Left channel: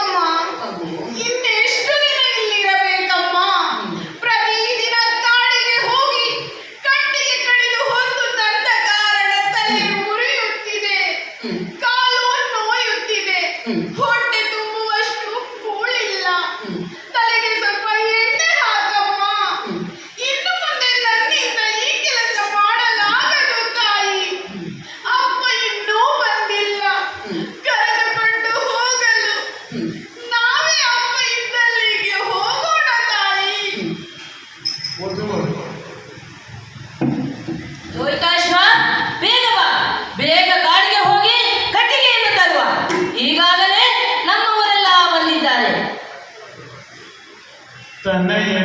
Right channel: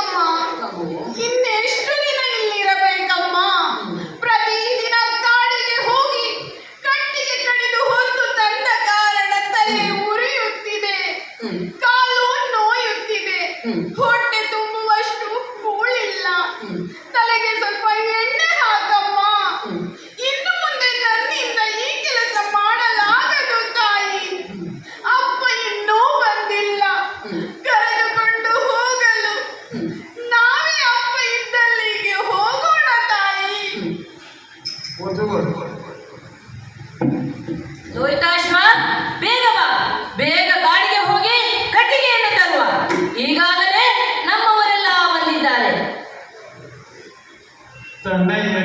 ಅಮ್ಮ, ಇನ್ನೆಷ್ಟು ದಿನ ಇಲ್ಲಿರಬೇಕಮ್ಮ? ಪ್ರತಿದಿನ ಕಾಡಿಗೆ ಹೋಗಿ ಕಟ್ಟಿಗೆ ಕಡಿದು ಹೊತ್ತು ತಂದ ಕಾರಣ ತಲೆ ಉರಿಯುತ್ತಿದೆ, ಕಾಲು ನೋಯುತ್ತಿದೆ, ಹೊಟ್ಟೆ ತುಂಬುವಷ್ಟು ಕೂಳಿಲ್ಲ. ತಲೆಗೆ ಸ್ವಲ್ಪ ಎಣ್ಣೆ ಹಾಕಮ್ಮ. ಇನ್ನು ಮುಂದೆ ನನ್ನಿಂದ ಈ ಕೆಲಸ ಮಾಡಲಾಗದು ತಾಯಿ. ಅಪ್ಪ ಇನ್ನೂ ಬಂದಿಲ್ಲ, ಕರೆದುಕೊಂಡು ಹೋಗಲು. ನಾವೇ ಅಪ್ಪ ಇದ್ದಲ್ಲಿಗೆ ಹೋಗೋಣ ತಾಯಿ. ಲೋಹಿತಾಶ್ವ, ಬೇಗ ಬಾ, ಬೇಗ ಕಾಡಿಗೆ ಹೋಗಿ ಕಟ್ಟಿಗೆಯನ್ನು ತರುವ. ಈಗಾಗಲೇ ನಮ್ಮವರೆಲ್ಲ ಬಂದಿದ್ದಾರೆ. ತನ್ನಯ್ಯ